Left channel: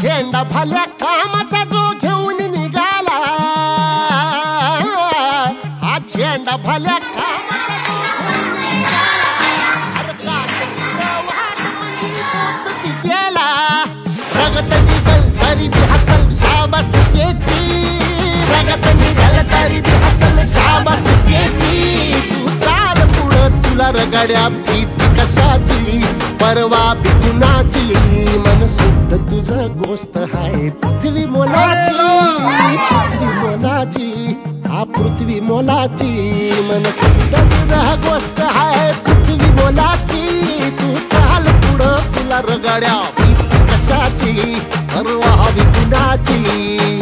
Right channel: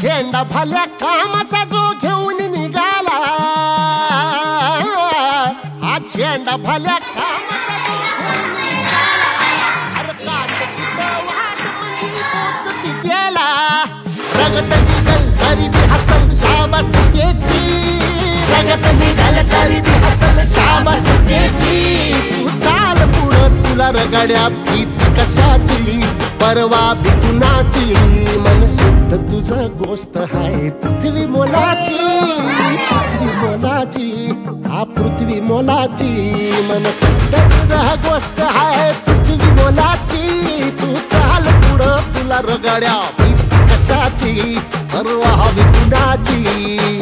झेंडा भल्या कामाचा जो घेऊन निघाला, हा झेंडा भल्या कामाचा जो घेऊन निघाला, अरे काट वाट मंदी पोचती गेला, रगत निघल तरी बी हसल शाबास त्याची, रगत निघल तरी बी हसल शाबास त्याची, तू चाल पुढं तुला रगड्या भीती कशाची, परवा बी कुणाची, मन शुद्ध तुझं गोष्ट हाय पृथ्वी मोलाची, पृथ्वी मोलाची, हा पृथ्वी मोलाची, मन शुद्ध तुझं गोष्ट हाय पृथ्वी मोलाची, तू चाल पुढं तुला रगड्या भीती कशाची, परवा बी कुणाची.